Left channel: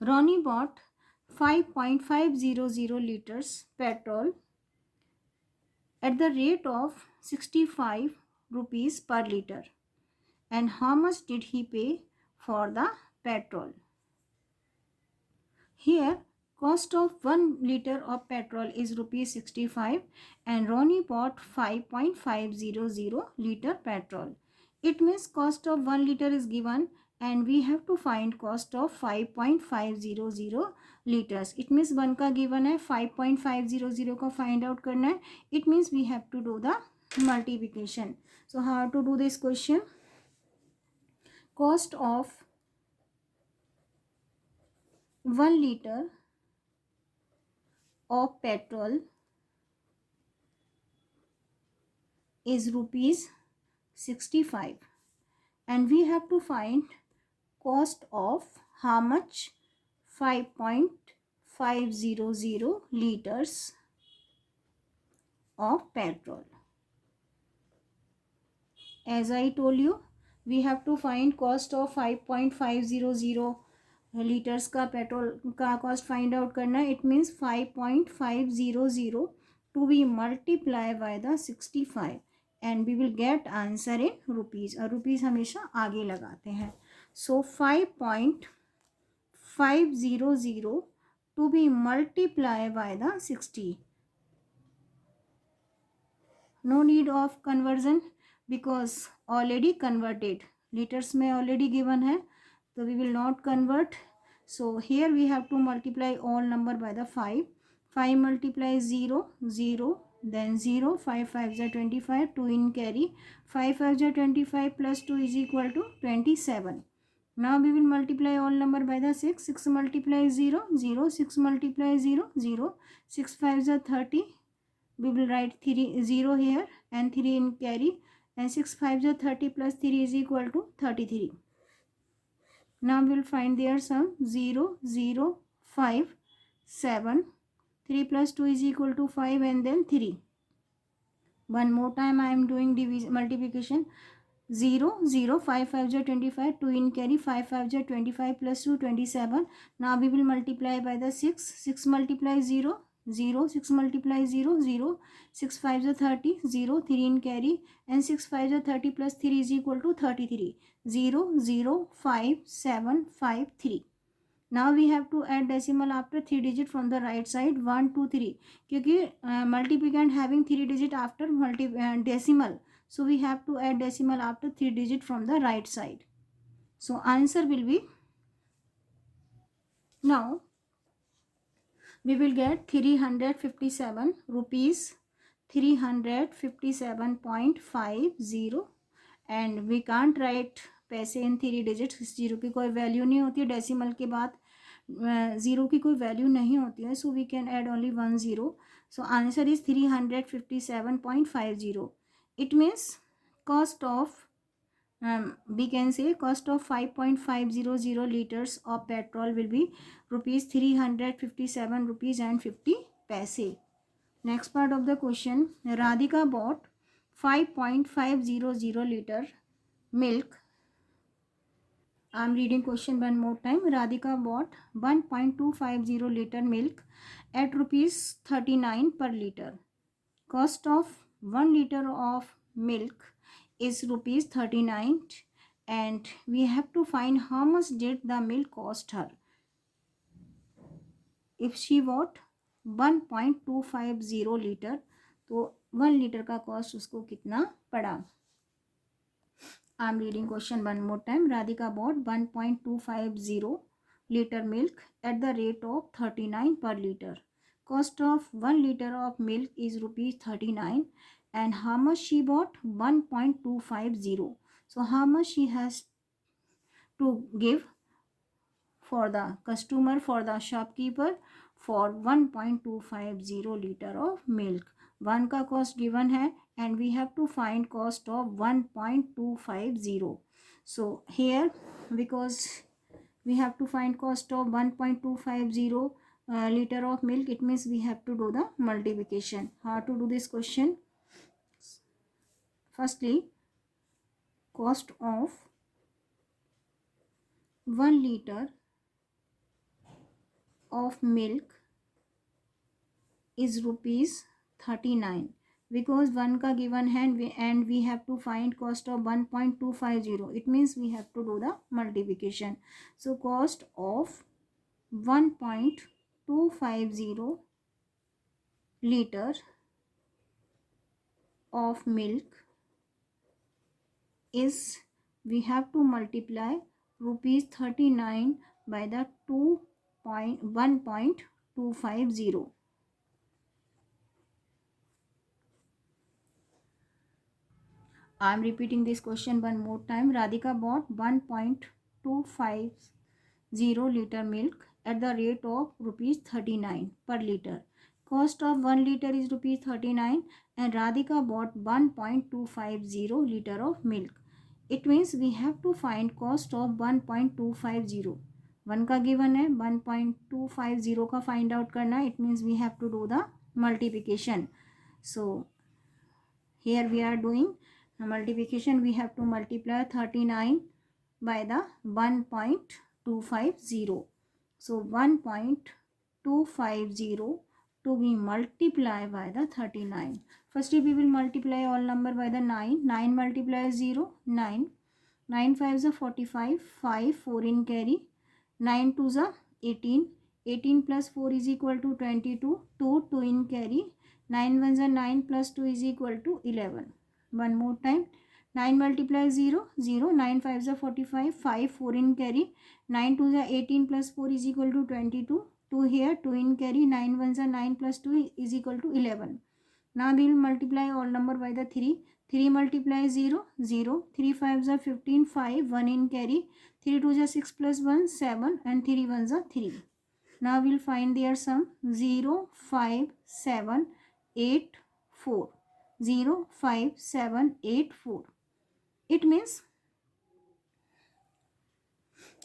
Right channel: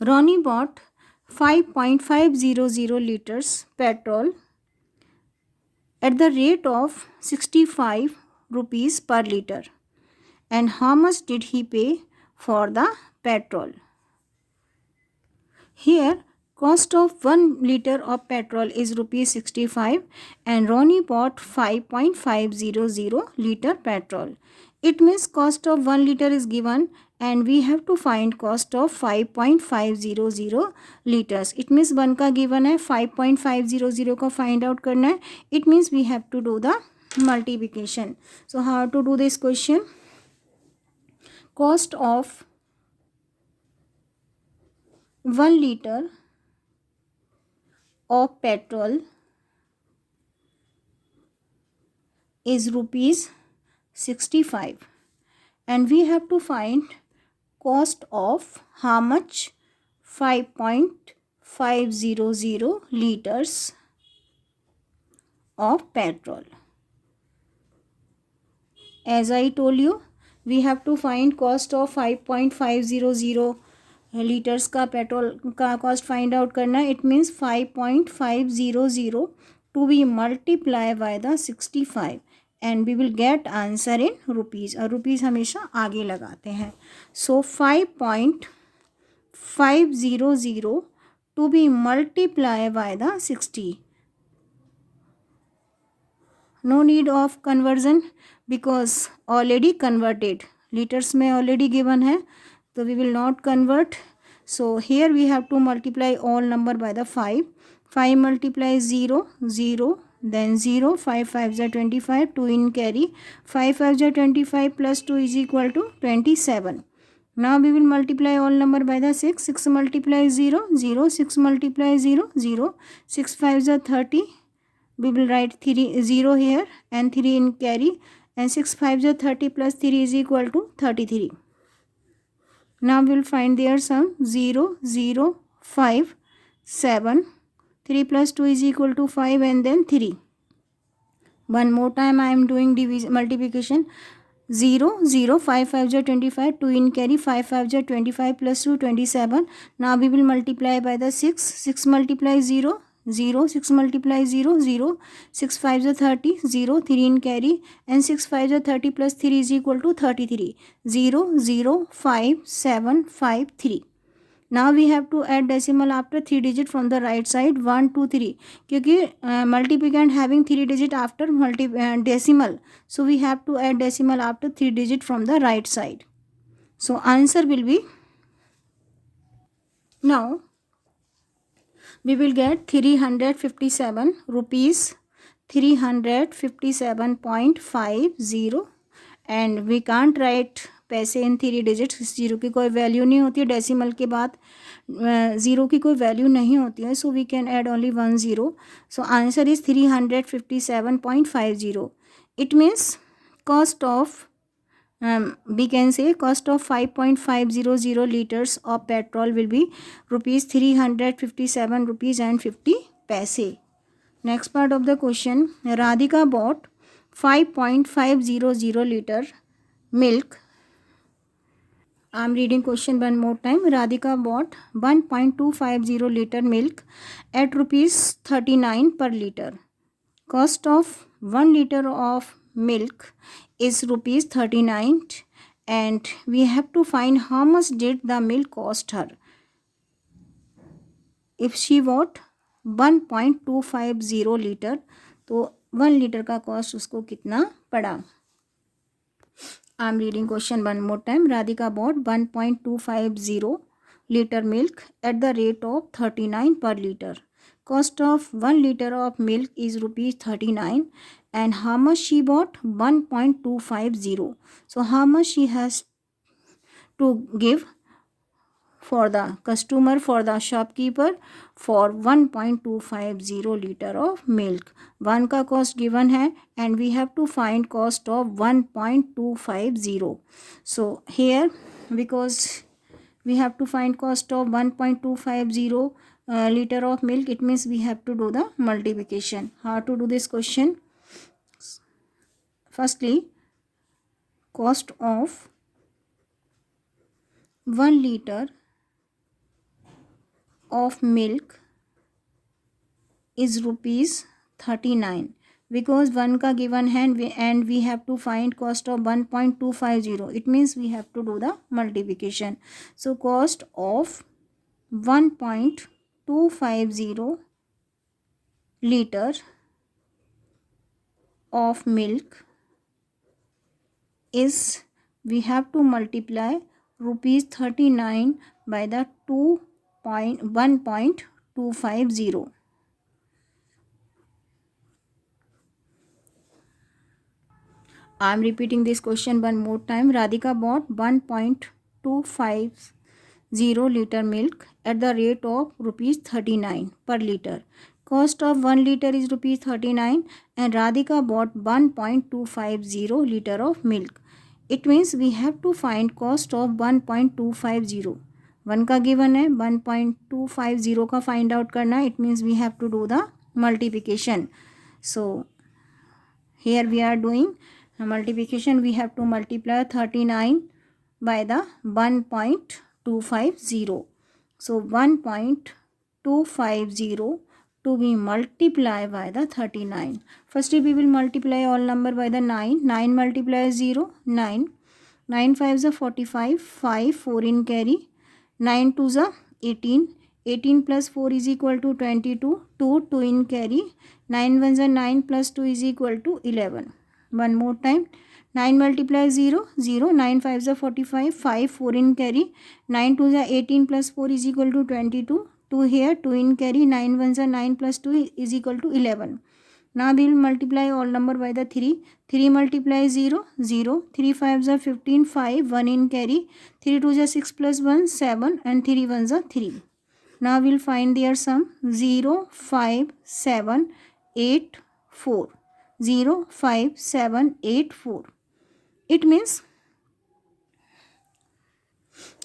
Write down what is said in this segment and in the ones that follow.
Ronnie bought 5.500 liters petrol at the rate of 65 rupees per liter. And how much did he pay for the petrol? Here, cost of 1 liter of petrol is rupees 65 and Ronnie bought 5.500 liter petrol. It means cost of 1 liter is given and we have to find cost of 5.500 liters. It means 1 का given है, 5.500 का find out करना है. It means we have to do the multiplication. So how to do this question? Cost of 1 liter of petrol is rupees 65 and we have to find cost of how much? 5.500 liters of petrol. As I told you, we have to find cost of 5.500 litres का petrol का cost find out करना है. It means 5.500 to be multiply by the 65 and we will get answer in rupees. और rupees हमेशा आगे लगाते हैं. So 5.500 to be multiply by the 60. No need of conversion because already converted. Litres में already given है, so we will not convert. So here we have to multiply all number by the 5. 5 multiplies 0, 0, then 0, 5 5s are 25, 2 in carry, 5 5s are 25 plus 2 is equal to 27. Now we will multiply all number by the 6. 6 multiplies 0, 0, 6 multiplies 0, 0, 6 5s are 30. We will write 0 here and 3 in carry, and 6 5s are 30 plus 3 is equal to 33. Now we will find their sum. 0, 0, 5, 7. 3 plus 2 is equal to 5 and then 3. One more time I am doing division multiplication. 0, 0, 5 5 are 25, 2 in carry, 5 5 are 25 plus 2 27. Now we will multiply by the 6. 6 multiplies 0, 0, 6 multiplies 0, 0, 6 5 are 30, 0, 3 in carry, and 6 5 are 30 plus 3 is equal to 33. 0, 0, 5, 7, 5, 3. Now we have to add decimal after 3 digit from the right side. 1 2 3 क्योंकि multiplicand having 3 digit after decimal, so we have to add decimal after 3 digit from the right side. So answer will be, now we will get 357 rupees, 357.50, and we can't write पैसे इन 3 digits. Zero की कोई value नहीं होती है, decimal के बाद zero की कोई वैल्यू नहीं होती है, so we can add only 1 0. So answer is 357.50. It means cost of we can say cost of 5.500 liters of petrol will be rupees 357 rupees and 50 paise. Next part of the question. Radhika bought 5.500 liter milk. I am reading question one more time. Radhika bought 1.250 liter milk at rupees 39 per liter. Cost of 1 liter of milk is rupees 39 and we have to find how much did the milk cost her. If she bought 1.250 liter, तो 1 liter का cost उसको कितना पड़ा. I am reading question one more time. Radhika bought 1.250 liter milk at the rate of 39 per liter. Cost of 1 liter of milk is rupees 39 and how much she bought? 1.250. So how much she has to give for the customer, for the shopkeeper, for 1.250 liter of milk. 1 का cost given है and we have to find cost of 1.250. So here, because we have to find cost of 1.250 liter of milk, it means we have to do the multiplication. How to do this question? Firstly, cost of 1 liter of milk is rupees 39 because 1 का given है and we have to find cost of 1.250. It means we have to do the multiplication. So cost of 1.250 liter of milk is, we have to multiply rupees 39 by the 1.250. I am repeating this question one more time. Radhika bought 1.250 liter milk at the rate of rupees 39 per liter. Cost of 1 liter is rupees 39 and Radhika bought 1.250 liter of milk. It means we have to find cost of 1.250. 1 का given है, 1.250 का find out करना है. It means we have to do the multiplication. So here we are doing multiplication. We have to multiply 39 by the 1.250. So 1.250 to be multiplied by the 39. Firstly we will multiply all number by the 9. 9 multiplies 0, 9. 9 5s are 45, 5, 4 in carry. 9 2s are 18. 18 plus 4 is equal to 22. 2, 2 in carry. 9 1s are 9 plus 2 is equal to 11. One more time. 9 multiplies 0, 0. 9 5s are 45, 5, 4 in carry. 9 2s are 18 plus 4 is equal to 22. 2 here, 2 in carry. 9 1s are 9 plus 2 is equal to 11. Now we will multiply all number by the 3. 3 multiplies 0, 0. 3 5s are 15, 5, 1 in carry. 3 2s are 6 plus 1, 7 and 3 1s are 3. Now we will find their sum. 0, 5, 7, 8, 4. 0, 5, 7, 8, 4. It means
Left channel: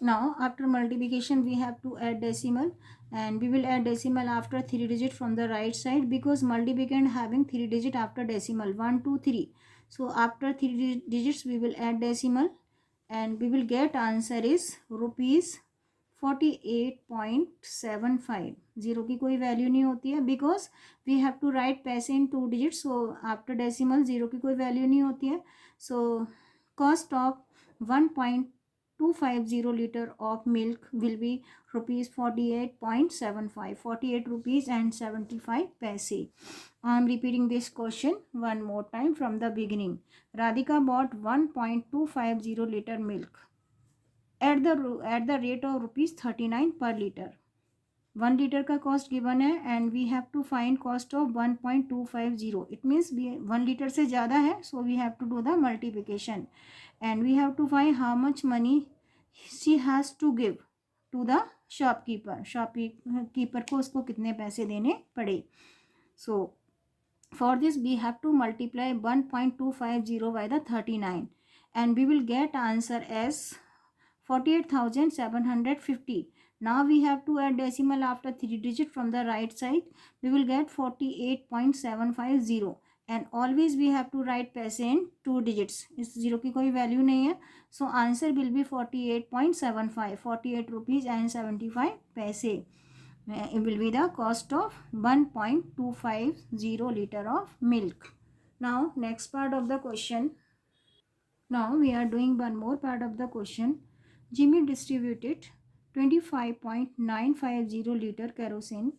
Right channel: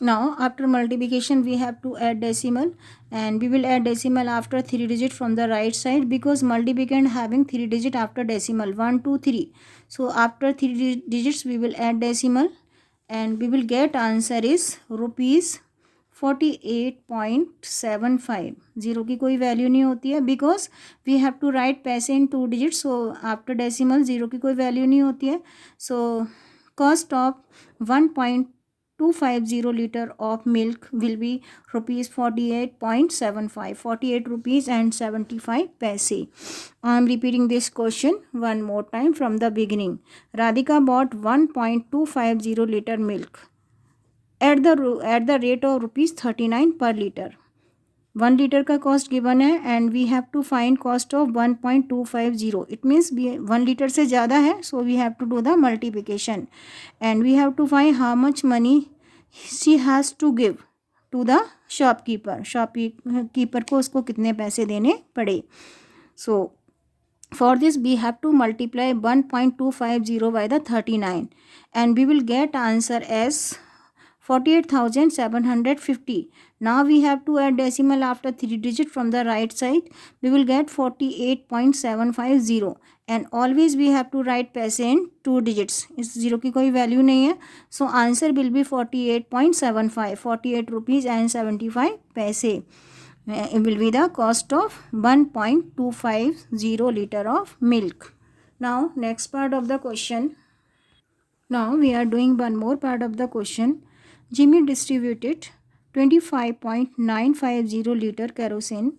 now after multiplication we have to add decimal and we will add decimal after 3 digit from the right side because multiplicand having 3 digit after decimal 1 2 3. So after 3 digits we will add decimal and we will get answer is rupees 48.75. Zero की कोई value नहीं होती है because we have to write पैसे in 2 digit. So after decimal zero की कोई value नहीं होती है. So cost of 1.250 liter of milk will be rupees 48.75. 48 rupees and 75 paise. I am repeating this question one more time from the beginning. Radhika bought 1.250 liter milk at the rate of rupees 39 per liter. 1 liter का cost given है and we have to find cost of 1.250. It means 1 litre से ज़्यादा है so we have to do the multiplication and we have to find how much money she has to give to the shopkeeper को उसको कितने पैसे देने पड़े. So for this we have to multiply 1.250 by the 39 and we will get answer as 48,750. Now we have to add decimal after 3 digit from the right side. We will get 48.750 and always we have to write पैसे in 2 digits. इस zero की कोई value नहीं है. So answer will be 48.75. 48 rupees and 75 पैसे. It will be the cost of 1.250 liter of milk. Now next part of the question. Now we are doing one more part of the question. Jimmy distributed 25.950 liter kerosene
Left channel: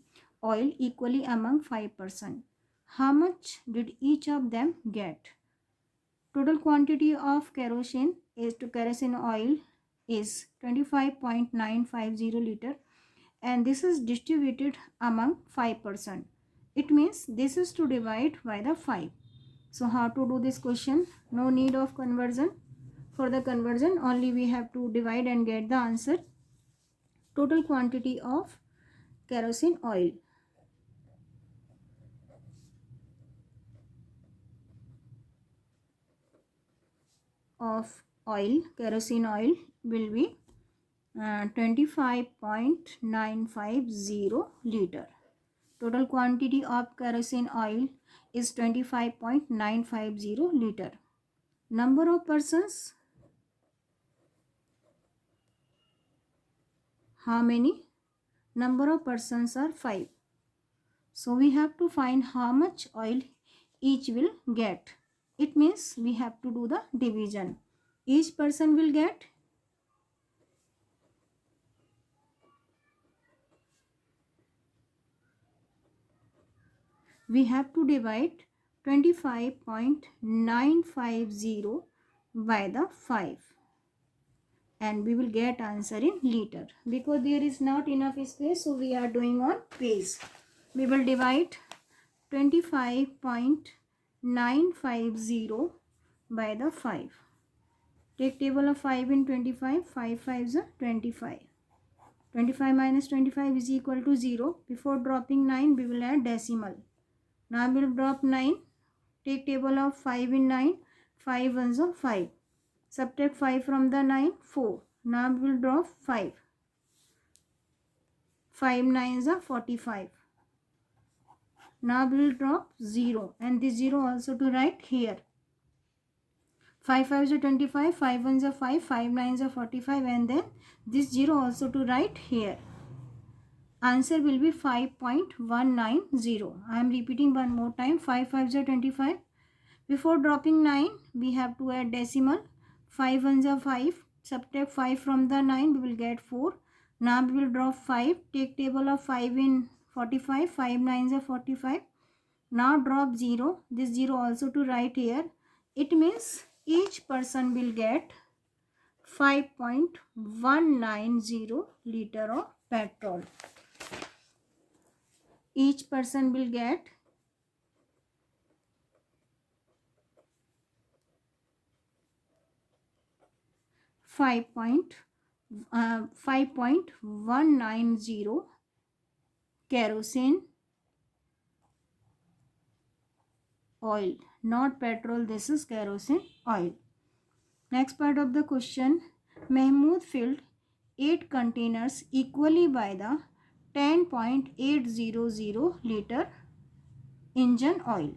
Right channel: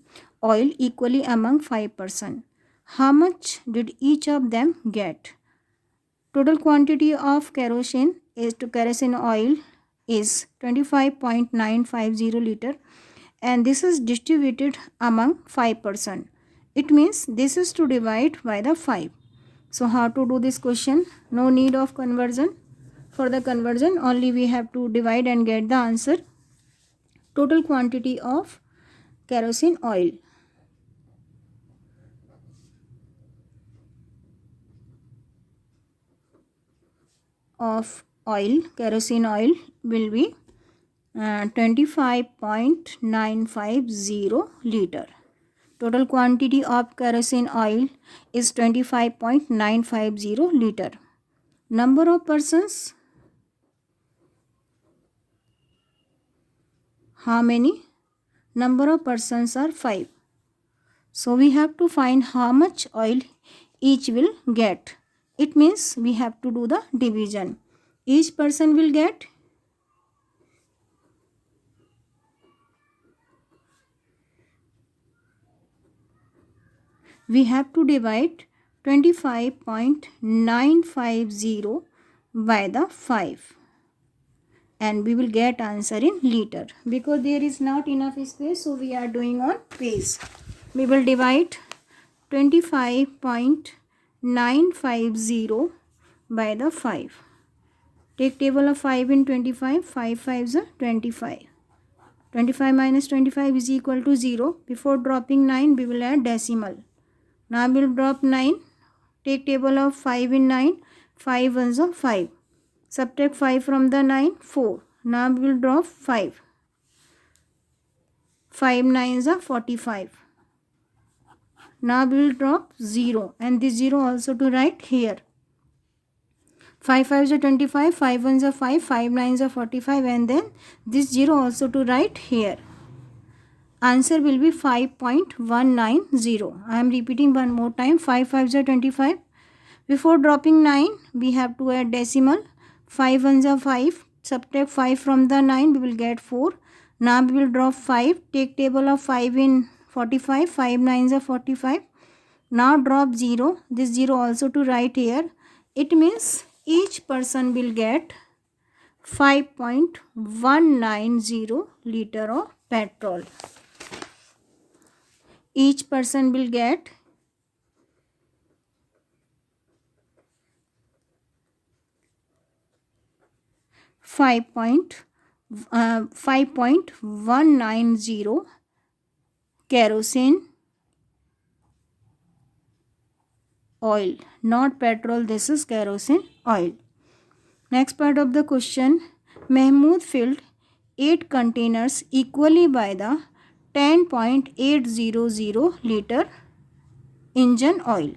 oil equally among 5 persons. How much did each of them get? Total quantity of kerosene oil is 25.950 liter and this is distributed among 5 persons. It means this is to divide by the 5. So how to do this question? No need of conversion. For the conversion only we have to divide and get the answer. Total quantity of kerosene oil. Kerosene oil will be 25.950 liter. Total quantity of kerosene oil is 25.950 liter. Number of persons, how many? number of persons are 5. So we have to find how much oil each will get. It means we have to do the division. Each person will get, we have to divide 25.950 by the 5, and we will get answer in liter. Because there is not enough space, so we are doing on page. We will divide 25.950 by the 5. Take table of 5 in 25. 5 5s are 25. 25 minus 25 is equal to 0. Before dropping 9, we will add decimal. Now we will drop 9. Take table of 5 in 9. 5 ones are 5. Subtract 5 from the 9, 4. Now we will drop 5. 5 9s are 45. Now we will drop 0, and this 0 also to write here. 5 5s are 25, 5 1s are 5, 5 9s are 45, and then this 0 also to write here. Answer will be 5.190. I am repeating one more time. 5 5s are 25. Before dropping 9, we have to add decimal. 5 1s are 5. Subtract 5 from the 9, we will get 4. Now we will drop 5. Take table of 5 in 45. 5 9s are 45. Now drop 0. This 0 also to write here. It means each person will get 5.190 liter of petrol. Each person will get 5.190 kerosene oil, not petrol. This is kerosene oil. Next part of the question. Mahmood filled 8 containers equally by the 10.800 liter engine oil.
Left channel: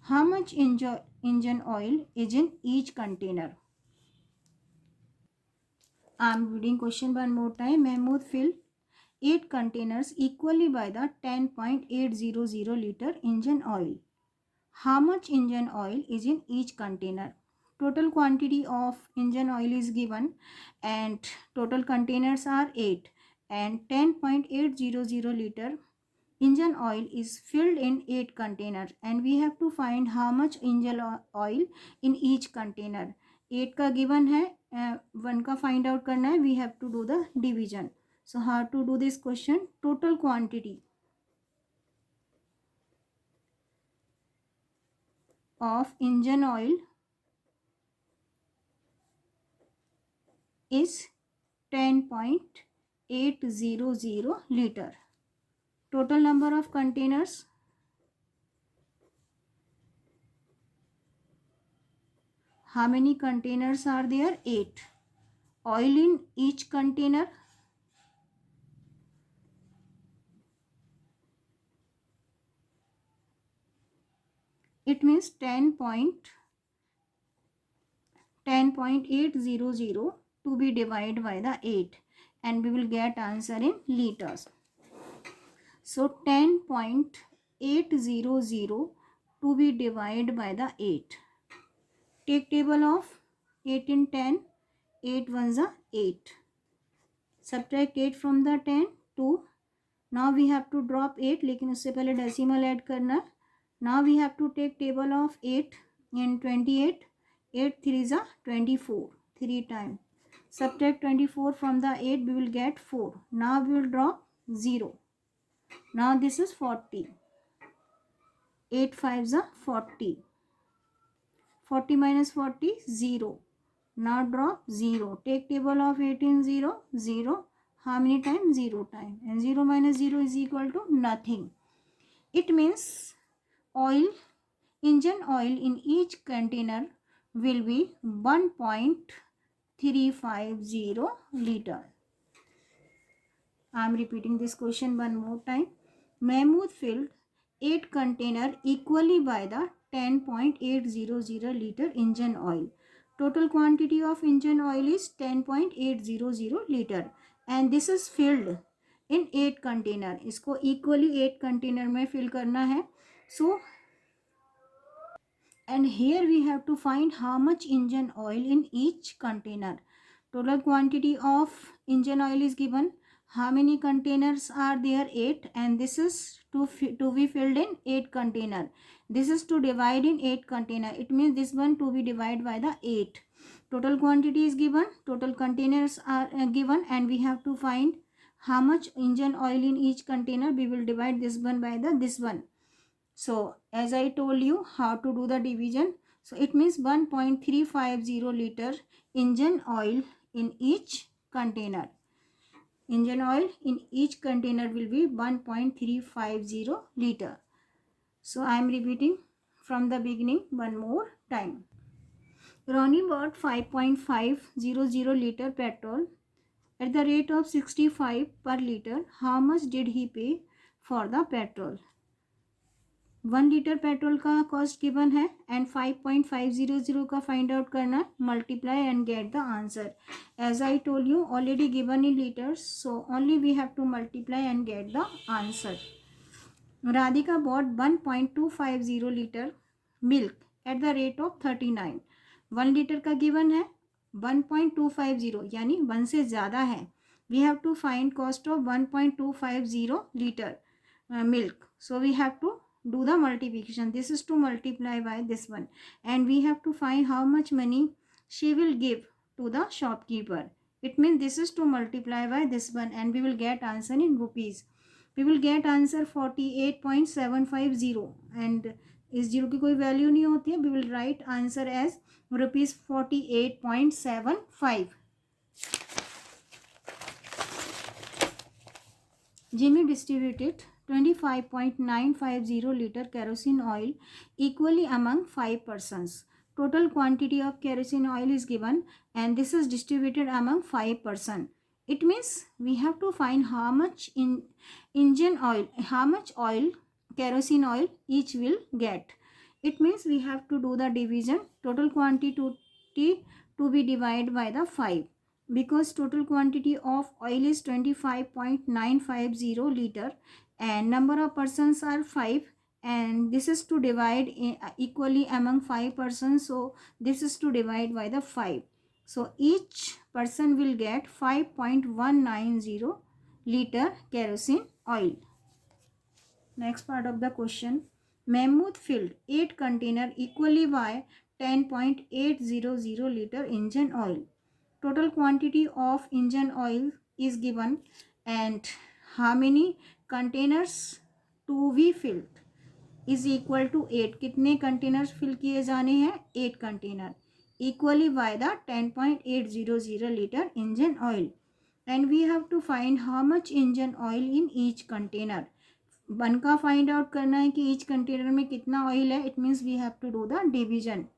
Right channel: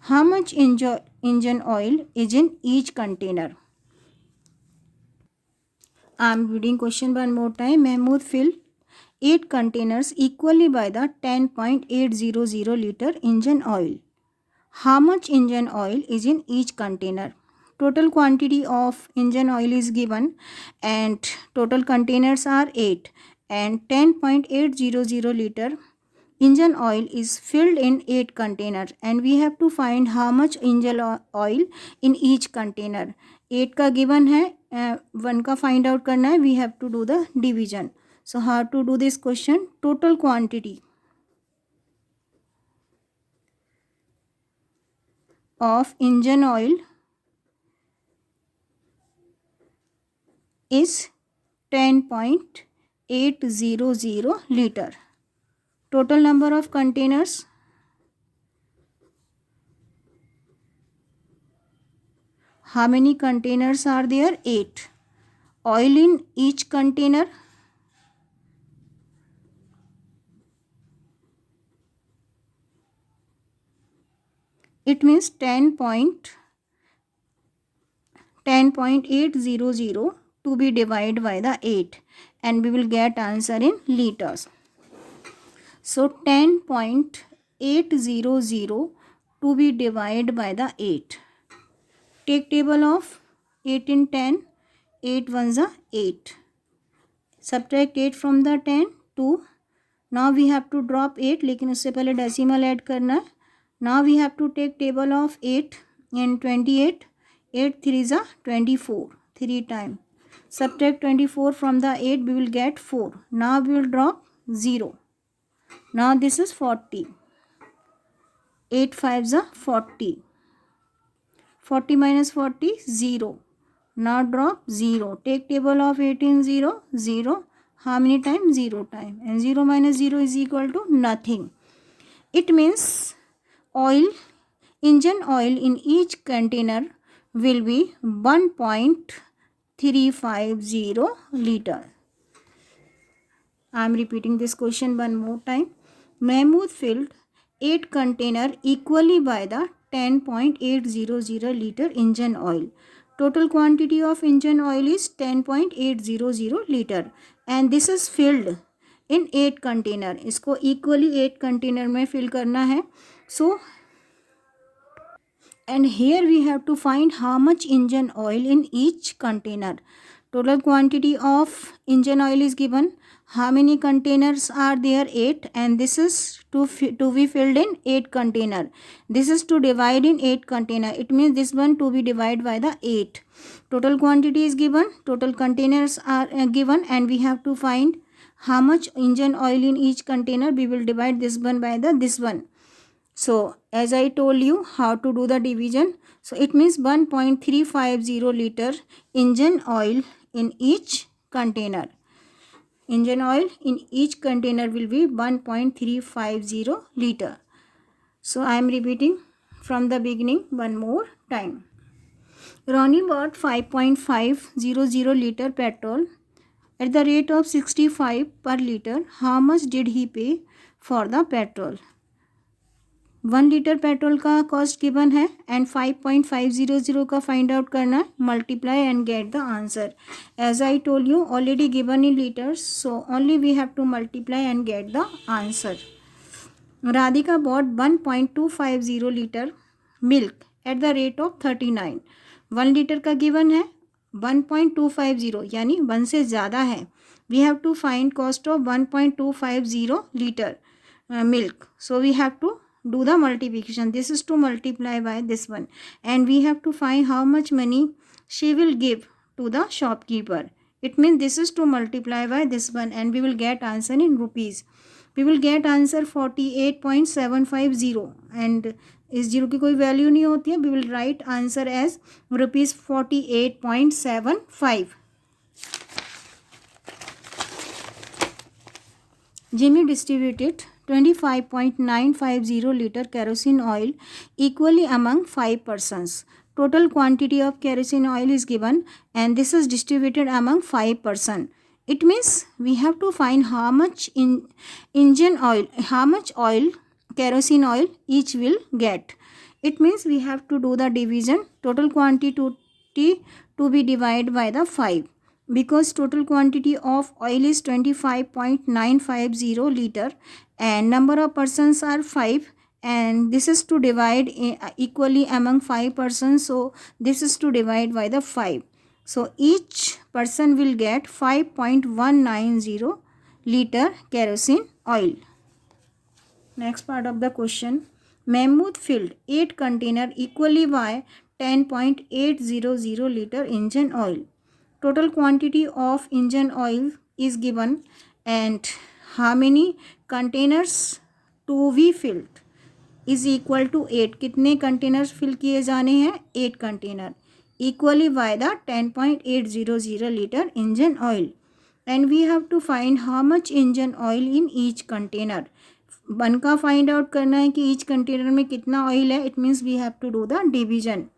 How much engine oil is in each container? I am reading question one more time. Mahmood filled 8 containers equally by the 10.800 liter engine oil. How much engine oil is in each container? Total quantity of engine oil is given, and total containers are 8, and 10.800 liter engine oil is filled in 8 containers, and we have to find how much engine oil in each container. 8 का given है, 1 का find out करना है. We have to do the division. So how to do this question? Total quantity of engine oil is 10.800 liter. Total number of containers, how many containers are there? 8. Oil in each container, it means 10.800 to be divided by the 8, and we will get answer in liters. So 10.800 to be divided by the 8. Take table of 8 in 10. 8 ones are 8. Subtract 8 from the 10, 2. Now we have to drop 8, लेकिन उससे पहले decimal add करना है. Now we have to take table of 8 in 28. 8 3s are 24. 3 times. Subtract 24 from the 8, we will get 4. Now we will drop 0. Now this is 40. 8 5s are 40. 40 minus 40, 0. Now drop 0. Take table of 18, 0, 0. How many times? 0 times. And 0 minus 0 is equal to nothing. It means engine oil in each container will be 1.350 liter. I am repeating this question one more time. Mahmood filled 8 container equally by the 10.800 liter engine oil. Total quantity of engine oil is 10.800 liter, and this is filled in 8 container, इसको equally 8 container में fill करना है. सो and here we have to find how much engine oil in each container. Total quantity of engine oil is given. How many containers are there? 8, and this is to be filled in 8 container. This is to divide in 8 container. It means this one to be divided by the 8. Total quantity is given, total containers are given, and we have to find how much engine oil in each container. We will divide this one by this one. So as I told you how to do the division. So it means 1.350 liter engine oil in each container. Engine oil in each container will be 1.350 liter. So I am repeating from the beginning one more time. Ronnie bought 5.500 liter petrol at the rate of 65 per liter. How much did he pay for the petrol? 1 litre petrol का cost given है एंड 5.500 का find out करना है. Multiply and get the answer. As I told you already given in litres, so only we have to multiply and get the answer. Radhika bought 1.250 litre milk at the rate of 39. 1 litre का given है, 1.250 यानी 1 से ज़्यादा है. We have to find cost of 1.250 litre milk. So we have to do the multiplication. This is to multiply by this one, and we have to find how much money she will give to the shopkeeper. It means this is to multiply by this one, and we will get answer in rupees. We will get answer 48.750, and इस zero की कोई value नहीं होती है. We will write answer as rupees 48.75. Jimmy distributed 25.950 liter kerosene oil equally among 5 persons. Total quantity of kerosene oil is given, and this is distributed among 5 persons. It means we have to find how much engine oil, how much oil, kerosene oil each will get. It means we have to do the division. Total quantity to be divided by the 5. Because total quantity of oil is 25.950 liter and number of persons are 5, and this is to divide equally among 5 persons, so this is to divide by the 5. So each person will get 5.190 liter kerosene oil. Next part of the question. Mahmood filled 8 container equally by 10.800 liter engine oil. Total quantity of engine oil is given, and how many containers to be filled is equal to 8. कितने containers fill किए जाने हैं? 8 container equally by the 10.800 liter engine oil, and we have to find how much engine oil in each container. 1 का find out करना है कि each container में कितना oil है. It means we have to do the division.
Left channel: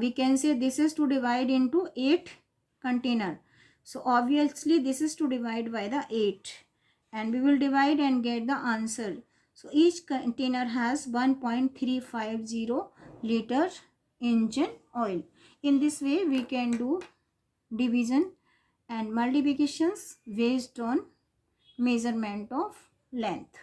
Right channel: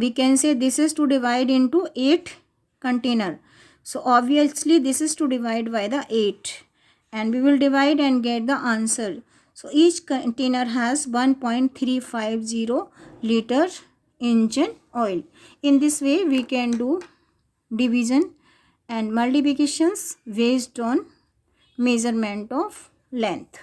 We can say this is to divide into 8 container. So obviously this is to divide by the 8, and we will divide and get the answer. So each container has 1.350 liter engine oil. In this way we can do division and multiplications based on measurement of length.